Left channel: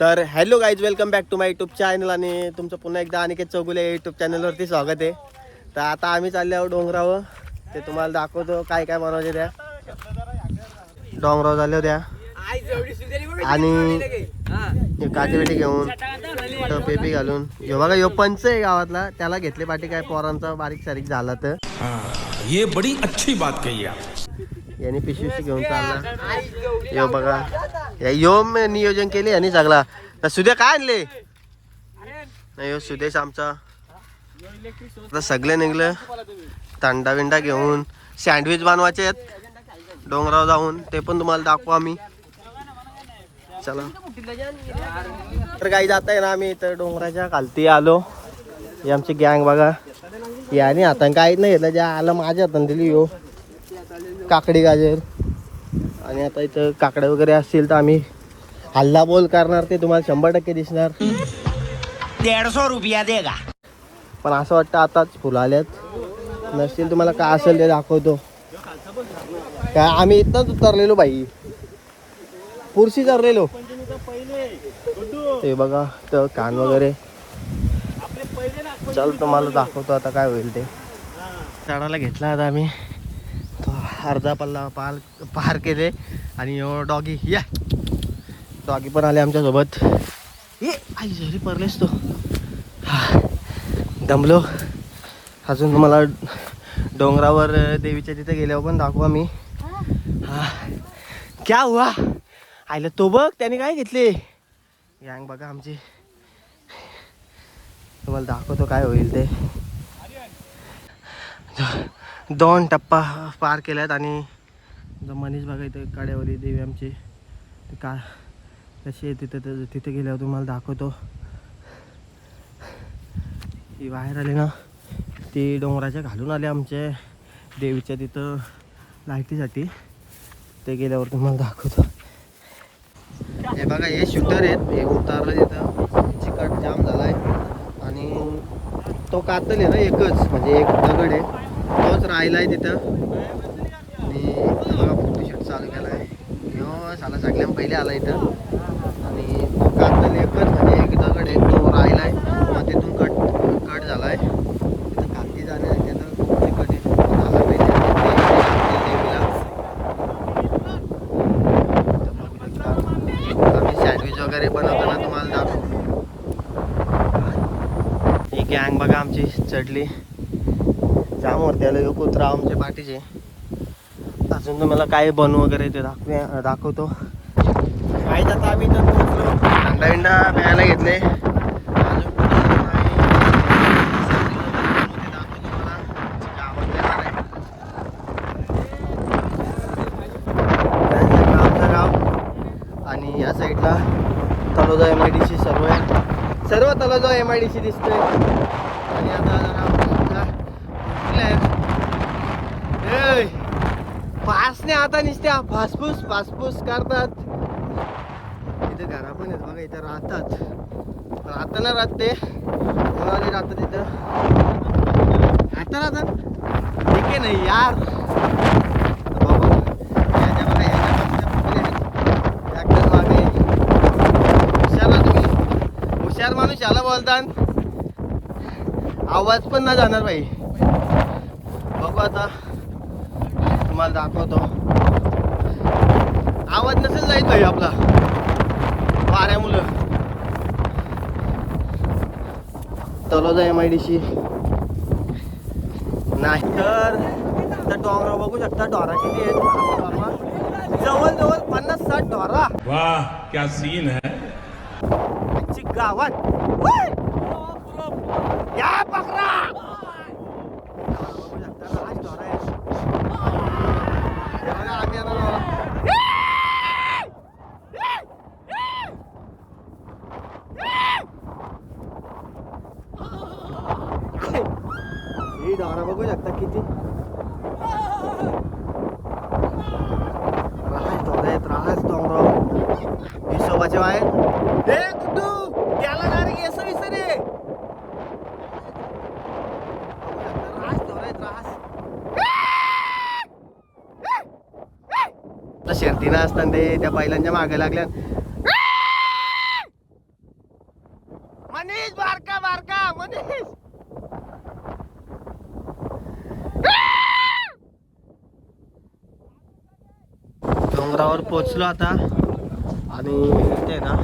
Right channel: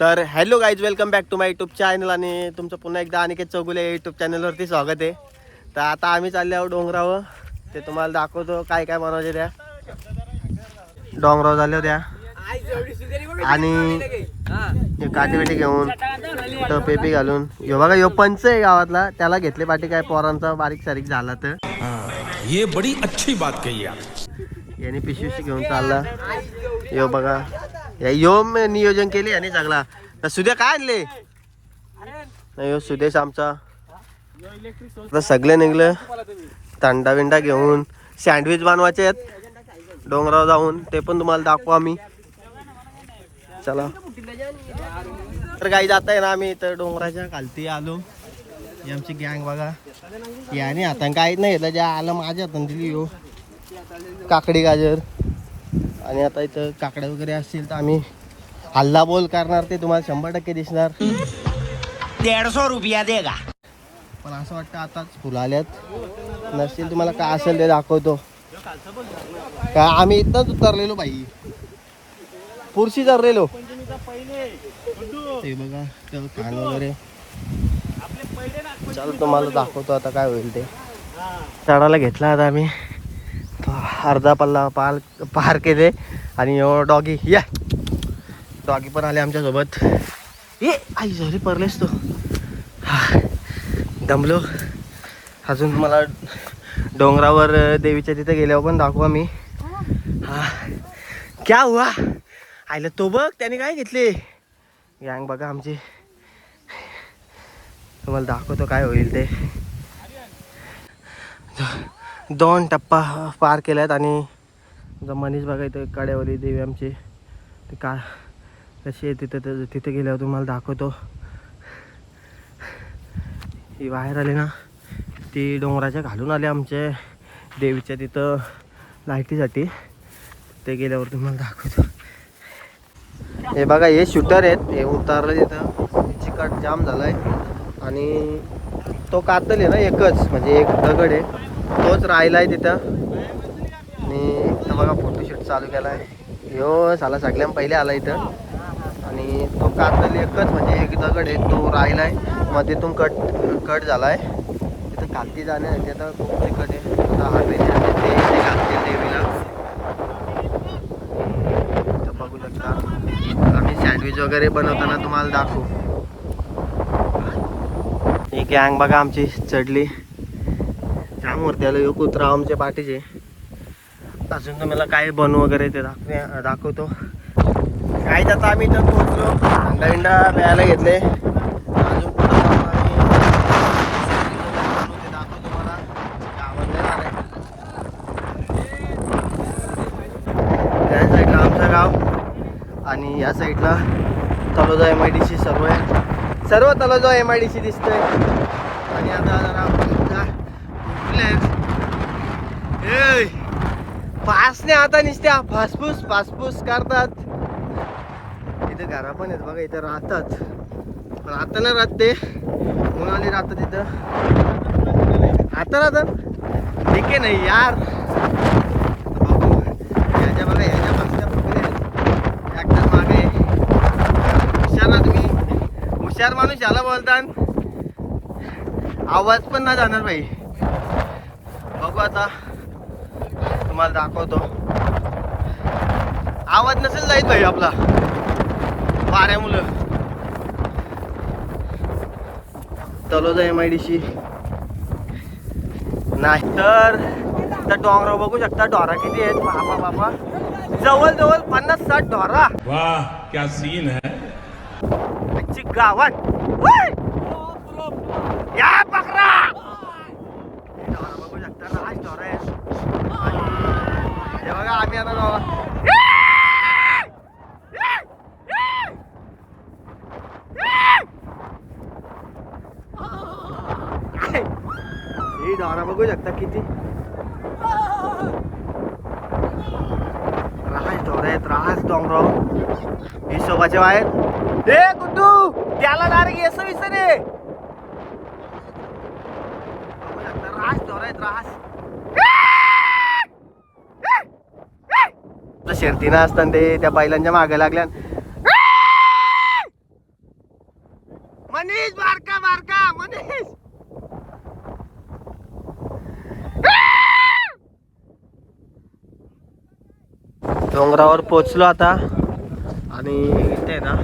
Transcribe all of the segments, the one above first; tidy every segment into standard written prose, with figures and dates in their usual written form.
तर hello guys, welcome back to my YouTube channel आणि तुमचं पुन्हा एकदा अनिकेत चौगुले यूट्यूब चॅनलवरती स्वागत आहे. तर आता आम्ही चालले आहोत डोंगरावर. ते तुम्हाला दाखवतो काय काय बनवायचे त्या डोंगरावर झाले होत्या. आणि काठी बिठी घेऊन तर पेपी घालून यो बघा यो पंच आहे गावातला, त्याला घेतले पाठी काय पोरांचा बारीक सारीक झाला तर ये बड़ी अच्छी बात कही आप. याने पिशवीशी घेऊन चालला. यो बघा यो नियोजन केले यांनी सगळा. तर सुद्या काय आणले नाही, यो सुदेश आमचा. आता सगळे निघलं थंडा विंडा घेऊन. सँडविच बनवायचे आहेत डोंगरावर जाऊन, ते पण तुम्हाला दाखवू आम्ही. चला तर काही जात आहे ना, आम्ही तर डोंगराच्या खालती आलो. ही आमची गँग बघा. याने हाताने काहीच नाही घेतलं, ज्या आलं माझ्या हाताने दिली यो काकडी गाजर. आणि आता इथं काकड्या वगैरे असतील तर आम्ही हल्ला बोल करणार, ते तुम्हाला 100% दिसणार. 150 रुपया देगा. पण असं वाटतं आताच फुलं आल्यात नसतील. तुम्हाला काय असेल ते दाखवतो. काय आम्ही इथंच उतरलेलो बाई, पुरशी चरलेलो. ते बघा तर कान वगैरे. चल तुम्हाला दाखवतो आता काय होईल ते. चढायला घेतला आता आम्ही. अर्धा पल्ला पार केले. आणि डॉगी या डॉगी पण आले आमच्यासोबत. ये आई झरी पडलेस तो. दमलो. अजून तुम्हाला डोंगरावर देवीच्या तिथे गेल्यावर पण दाखवू आम्ही. हा क्या हुआ आयला तो बघ त्याने काय घेतले. गँग बघा आमची, तुम्हाला दाखवतो काय होईल ते. 2 टप्पा पार केल्यात. आणि मनीष बघा इथं कड्यावली देवी आमची. ते का कशी आहे तिथं तिथे गेल्यावर तुम्हाला दाखवतो. ही बाहेर आली ना, ती डोंगराच्या घालून आले आमच्या देवीच्या तिथं लाईटीसाठी. ते गेल्यावर तुम्हाला दाखवतो. हे बघा हे शूटर आहेत, हे उतारलं तिथं. चिकट जाम झालाय. आणि तो कातल आहे ना एकच, म्हणजे एक दगड आहे तोच राहिलाय तिथं. आणि इथं बघा फोटोशूट चालू केला आहे. ह्यो साला सगळ्यां पहिले आला इथं. आणि तो कातल एकच, म्हणजे एक दगड आहे तो राहिलाय. मग तिथून कट झालाय. तिथं खालती जाण्यासाठी आता खूप चिकट आहे. झाला पाहिजे देवीला. तर बघू शकता आम्ही सँडविच वगैरे बनवताना तुम्हाला दाखवू. ही गँग बघा आमची चढली. त्यामुळे त्याला यो कुत्रा आमच्या पाठीचे. अजून तुम्हाला काय बनवू वगैरे ते दाखवतो. काय आता आम्ही तर अंडा प्यायला घेतले. आमचं गाव. आणि या साईडला तलोजा MIDC सर्व तलोजा MIDC दिसतोय. आणि आता फासने आता निसत्या फासफूस करतात. इथे घरा पण आहेत बघा, इथे राहतात. पण आता ना राहते कोणाली राहतात तिथं. आता राहतात ठीक आहे नाही यार. मागे हुशार तुम्ही, हुशार माणूस याला बोलतात. आवाज पण ना जाणार भाई. बघू आता तुम्हाला दाखवतो. आवाज नसेल जाईल भाई आपला वाऱ्यामुळं. तलोजा MIDC नाही तर डोंगरावर बघू शकता ढोरा किती आहेत. बाबा जवळ 50-60 ढोरा. वाह क्या सीन है. गावात या बकरा बघू शकता. राज ढोरा आहे. हे बघा आम्ही आता ही ढोरा बघू शकता किती. राज ढोरा आहेत, राज डोंगराव. हिशोबाचे बाहेर ए गुड्डू त्याला डायरेक्ट येस विसरे. राज ढोरा आहेत, राज. शर्तीनं असताना ते त्या बैलांच्या मागे लागल्या. डोंगरावर पोचलो आता आणि इथे ना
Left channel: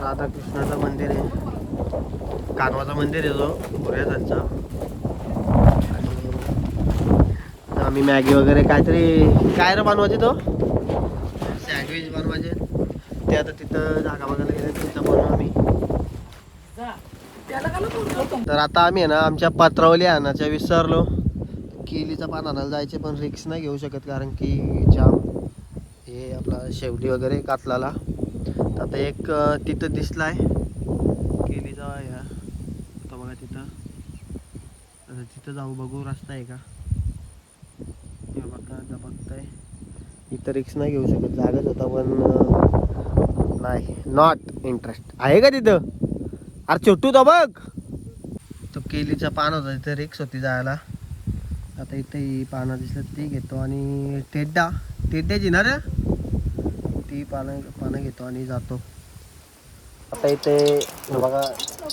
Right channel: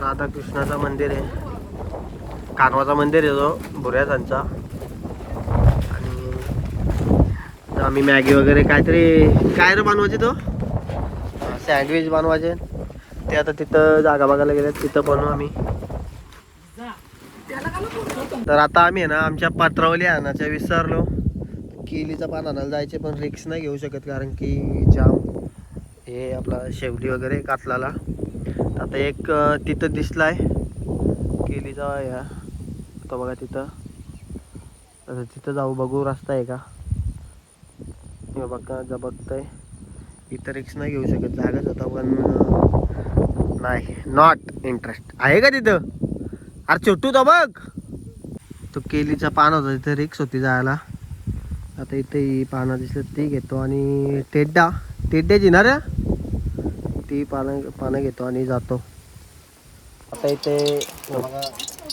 राधाकृष्णाचं मंदिर आहे, कानवाचा मंदिर आहे तो भुऱ्याचा. आणि आम्ही मॅगी वगैरे काहीतरी काय रे बनवायचे तो सँडविच बनवायचे ते आता तिथं जागा बघायला गेले तिथं बनवू आम्ही. तर आता आम्ही आहे ना आमच्या पत्रावली आणायच्या विसरलो. केलीचं पान आणायला जायचे पण रिक्स नाही घेऊ शकत कारण की जाम हे आपला शेवटी वगैरे कातलाला. आता एक तिथं दिसलाय केलीचा ह्या तो बघा तिथं. आता तिथं जाऊ बघू रस्ता आहे का बघा बघतोय. इथं रिक्स नाही घेऊ शकत जागाच होता पण नाही नॉट इंटरेस्ट आहे का तिथं. अरे छोटू तो बघ तो केलीचा पान होता तिथे रिक्स होती जायला. आता इथे ही पानं दिसली ती घेतो आणि टेड्याची ना रे ती पानं घेतो आणि जातो. आता इथे बघा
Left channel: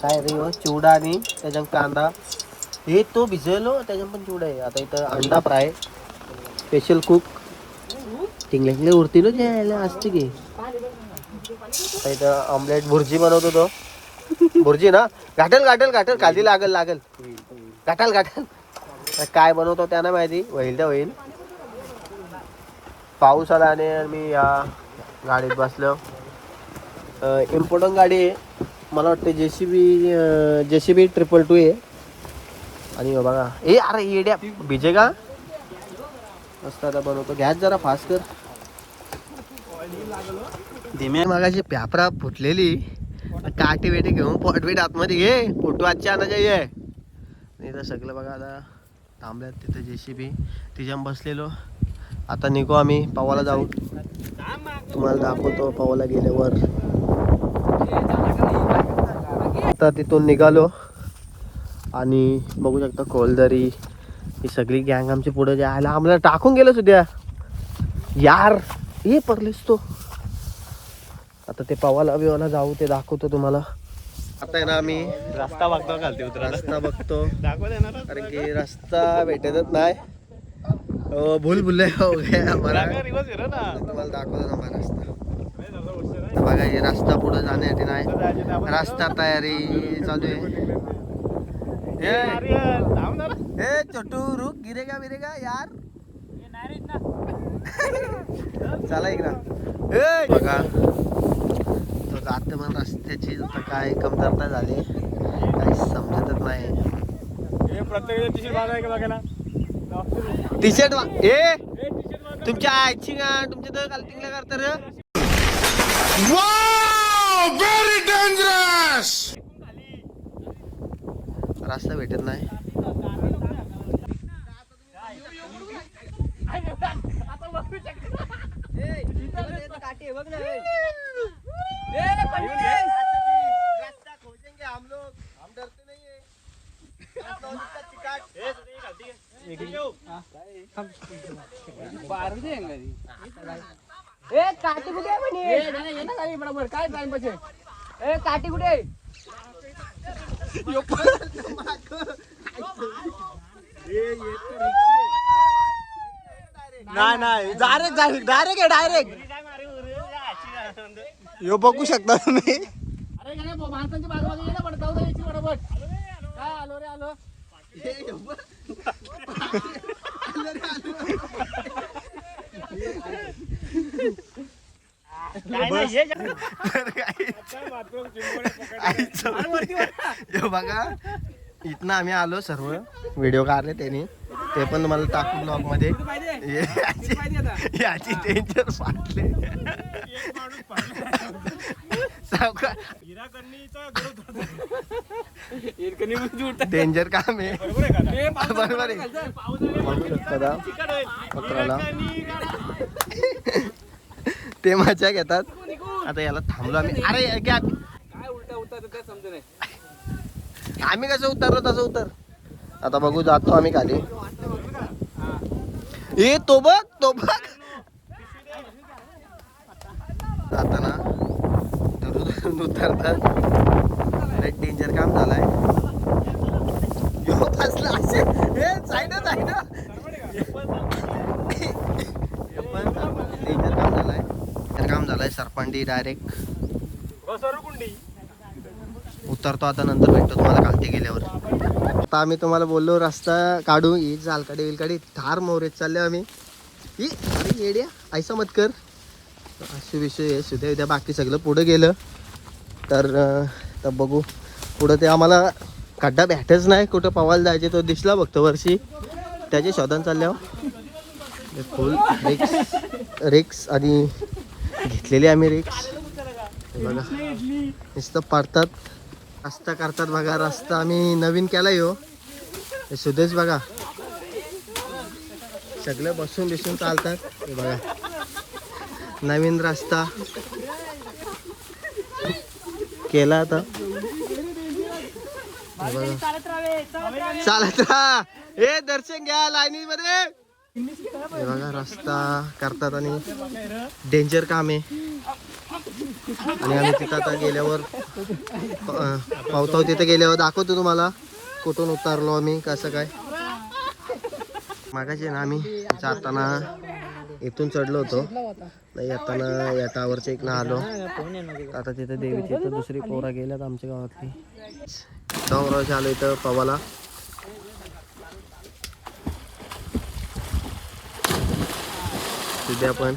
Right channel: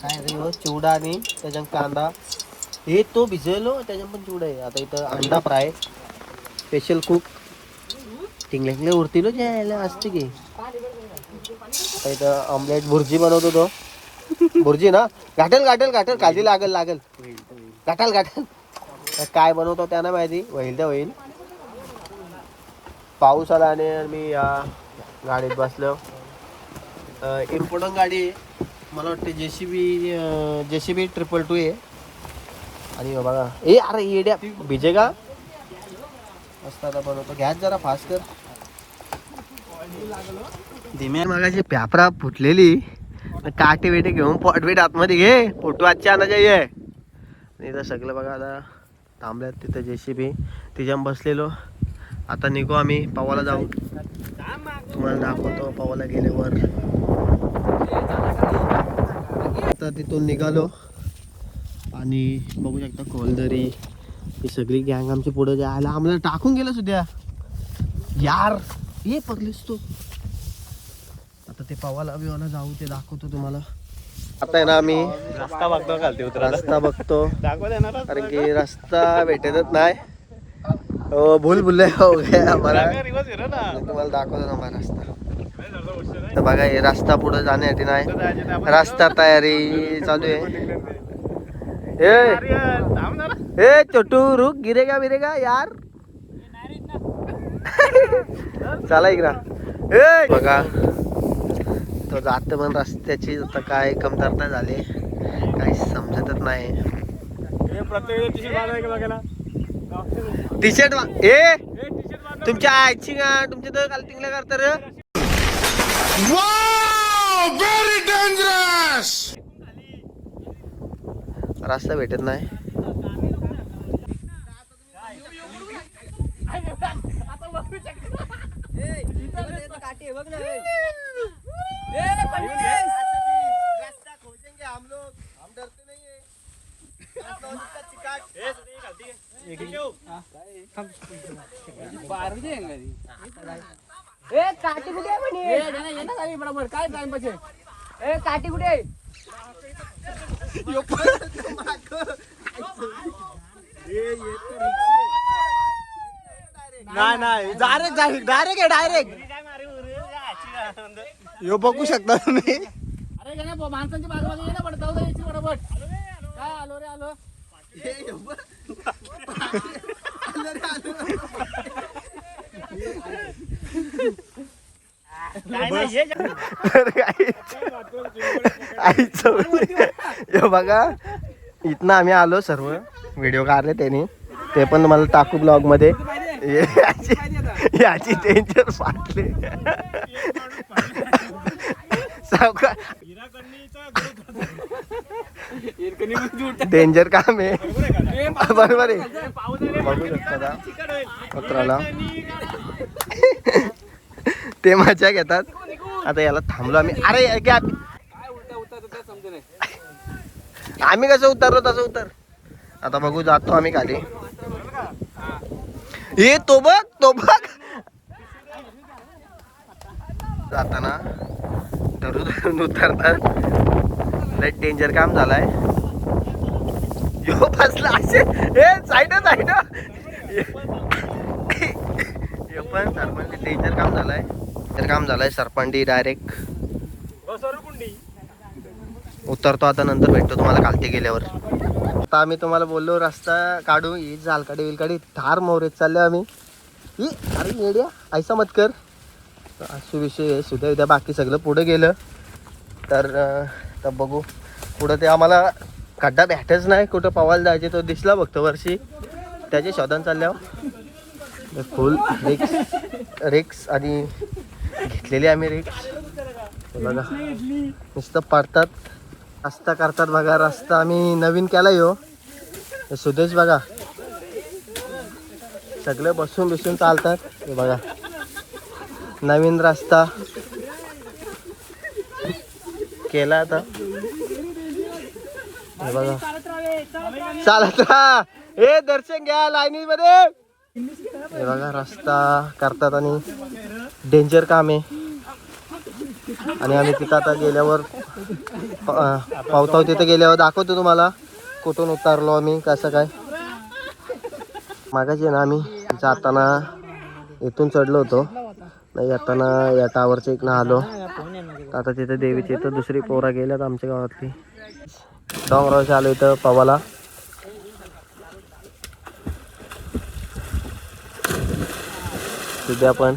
काय रे चिवडा आणि त्याच्यात कांदा हे तो भिजवलो त्याच्यात पण चिवडा आहे. आता इथं अंडा फ्राय स्पेशल कुक टिंगले उरतील घ्यायला असते की त्याचा ऑमलेट भुर्जी बनवतो तो भुर्जी ना घाटल काळजी लागल घाटल काय बनवतो त्यांना माहिती होईल तर होईल. पाऊस आला आणि मी या गाडीत बसलो. इम्पॉर्टंट गाडी आहे मला वाटते JCB 222 आहे. आणि बघा अरे येड्या भिजे का मस्त आता बनवतो गॅस जरा फास्ट कर धीमे. मागाशी प्यापरा फुटलेली काटे वेटे घेऊन पॉटवेट आतमध्ये घे फोटो आजच्या आणायचे ये नाही तर सगळं बघा आता थांबल्यात तिथं JCB तिच्यात बसलेलो. आता निघू आम्ही पवाला जाऊ तुम्हाला दाखवतो पवाला गेल्यावर. आता तिथून निघालो आणि बघू शकता कोलदरी ही सगळी गँग आमची पुढे जायला आम्हाला टाकून गेलं सुद्धा यार ये परलेस तो. आता ते पवाला बिवाला जाऊ ते दाखवतो तुम्हाला. आता आहे ना आम्ही रस्ता बघतो घालते उतरायला रस्ता बघतो दाखवत येणार कारण की रस्ता भेटतच नाही. हो भूल हो गया मला तुम्हाला दाखवतो ना मला रस्ता. तर बघा हे रस्ता पुढे जाण्यासाठी नाही रस्ता तयारी चालू आहे. ए छोटू रुक गिरेगा बिरेगा यार चला इकडा ए बघा तो जात पण रस्त्याची आता काय कमतरता झाली काही समजतच नाही. टी शर्ट ए तुमच्या आईची का तुमच्या तर कालटिंगला करता रे. Very dangerous. रस्ता भेटत नाही. काठी कुठे आहे बरोबर काय टाइम पाहिजे काठी कुठे आहे. नाही डायरेक्ट यो बघू शकता तुम्ही. अरे माणसांची बाजूला ये ना पण जाऊ द्यायची बरोबर काय आलो रे आलो. बघा इथनं आम्ही आलो सर्व व्हिडिओ काढले त्यांनी ते पण मला टाकू ब्लॉग मध्ये. याची डेंजर फाटले डेंजर काम आहे बरोबर आहे. बघू शकता पत्राला ते मजा घेतात. आता याला थांबलो आम्ही. अरे काय आम्ही कसं उतरलो तसं उतर. आता बघू जातो आम्ही खाली. हे तो बघ जाताना धरून उतरतात. लय डेंजर काम झालाय. यो फसला असे हे साईड पण डेंजर काम झालंय. डेंजर काम झालंय. सरपंडी डायरेक्ट उतरतो आता, नंतर भेटतो तुम्हाला खालती गेल्यावर. आता आम्ही तुम्हाला बोललो रस्ता काढू, ही जालकाडी विलकाडी थार मोरेत चालले आम्ही. ही अरे येड्या ऐसा मत कर. असे विषय आहे. सुद्धा उद्या बाकी सगळं पुढं गेलं तर बघू पुढं. ते आम्हाला खड्डा भेटच नाही, कुठं पवायला जायचे तो दिसला बघतो वर्षी, त्याचे शोधन चालल्यावर फुल रिक्स आणि घेतलेली आम्ही रिक्स. बघा नुसतं पडतात, रस्ता करतात बघा. रस्ता आम्ही नवीन केला यो. हे सुदेश बघा सगळे बसून बिसून चालतात. हे बघा नवीन रस्ता केला आता. हे बघा चालत राहा. हे दर्शन घ्या लाईनी मध्ये. हे बघा रस्ता करतात आणि डेंजर काम आहे. आणि आम्ही तिथं आता गेल्यावर पावताव तिथे गेल्यावर दाखवतो तुम्हाला कुठून उतरलो आम्ही, कसं काय. मागाशी ना आम्ही जाताना इथून चढलो होतो, नाही येताना या टावरच्या इकडनं आलो. आता तिथे देवीची इथं दुसरी पोरा गेल्यात आमच्या गावातली. डोंगरावरच्या आलो इथं पवाला. सध्या पण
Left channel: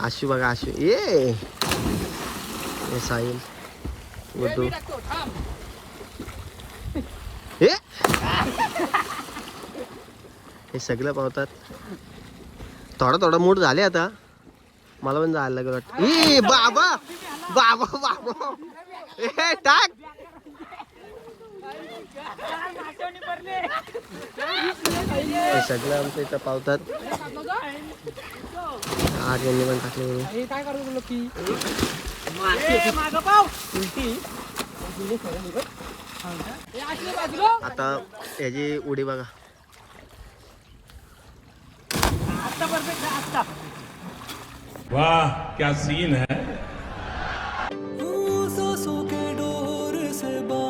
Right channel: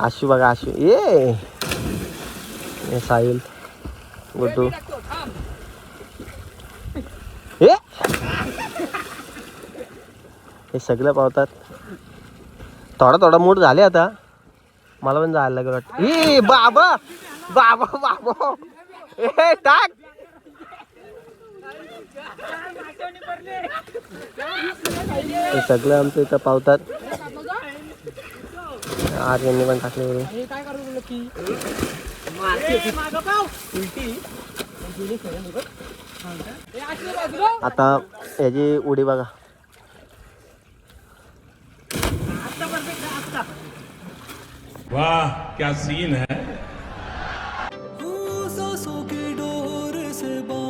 आशू बघा, आशू ये साहिल गुड्डू हे सगळं पावतात. थोडा मूड झाले आता. मला पण जायला लागलं वाटतं. ई बाबा बाबा बाबा ए टाक. हे सगळं आमचं इथं पावतात. आज यांनी पण टाकले बरोबर. आता याची उडी बघा. वाह क्या सीन है.